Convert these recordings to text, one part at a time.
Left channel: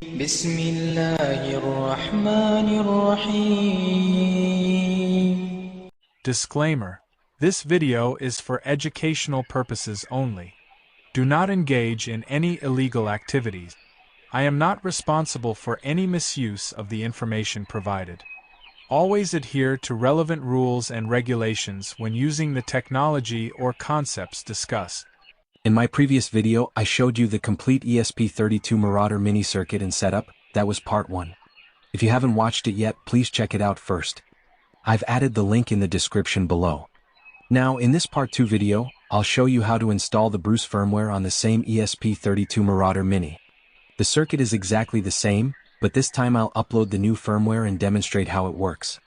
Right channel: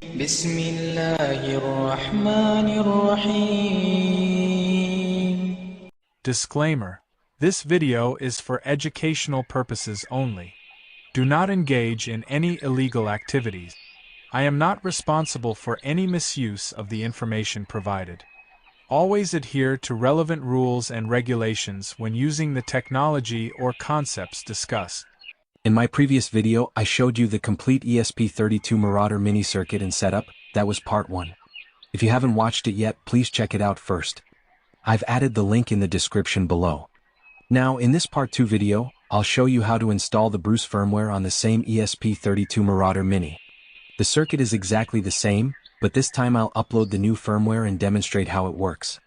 بسم الله الرحمن الرحيم. Disclaimer: this video is for educational purposes only. Do not engage in any illegal activities. I am not responsible for any misuse of the information provided. Always adhere to relevant rules and regulations when using the technology or concepts discussed. In my previous video, I showed you the complete ESP32 Marauder Mini circuit and setup. That was part 1. If you haven't watched it yet, please check it out first. I've added the link in the description below. Now, in this part 2 video, I'll show you how to install the Bruce firmware on the same ESP32 Marauder Mini. The circuit is exactly the same, but this time I'll upload the new firmware and demonstrate how it works.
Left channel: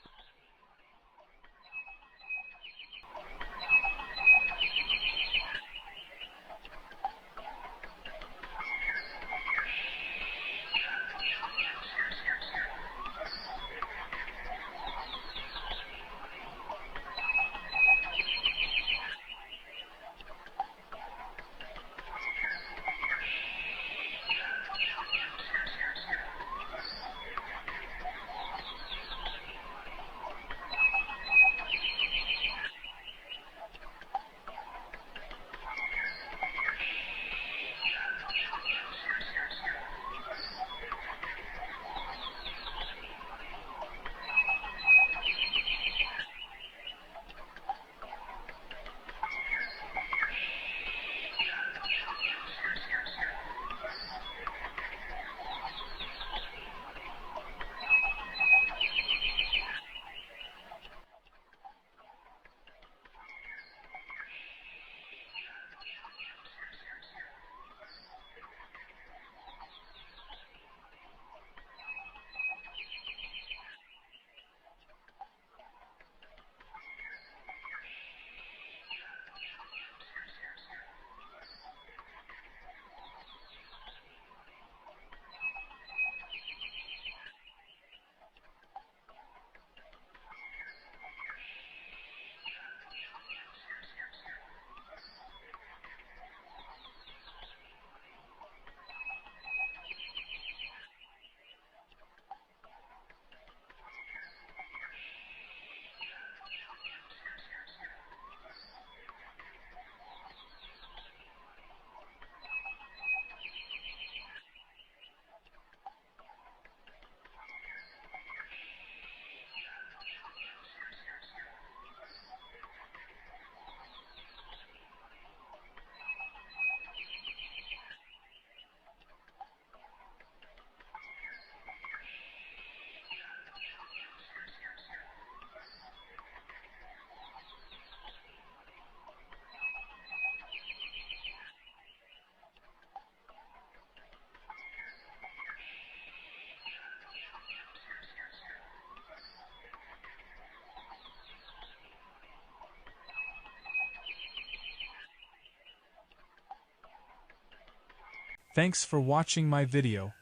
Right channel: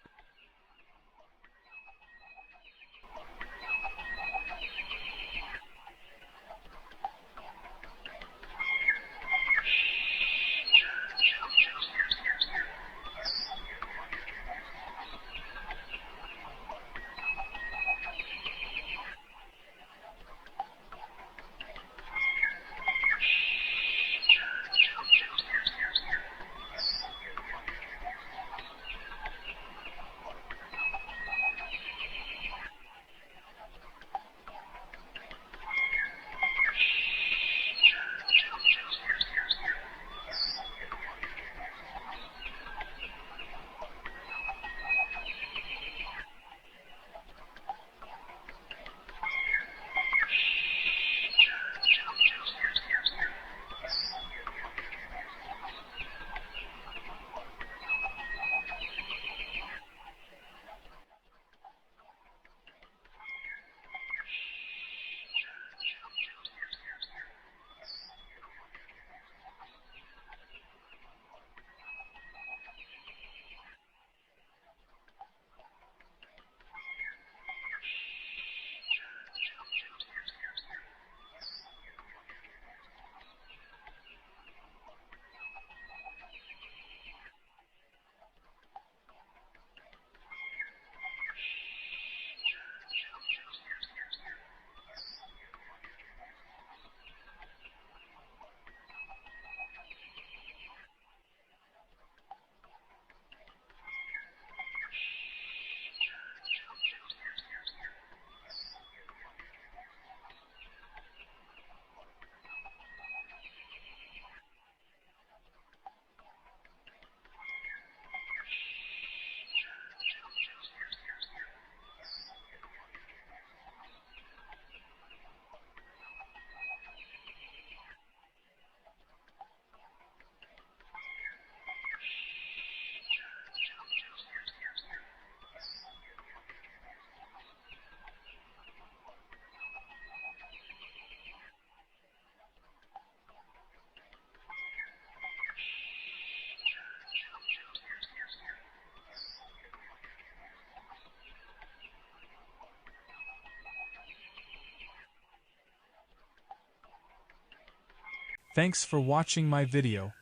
Thanks for watching my video.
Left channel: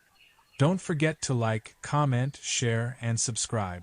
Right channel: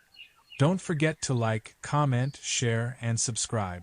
Don't forget to like, comment, share, and subscribe.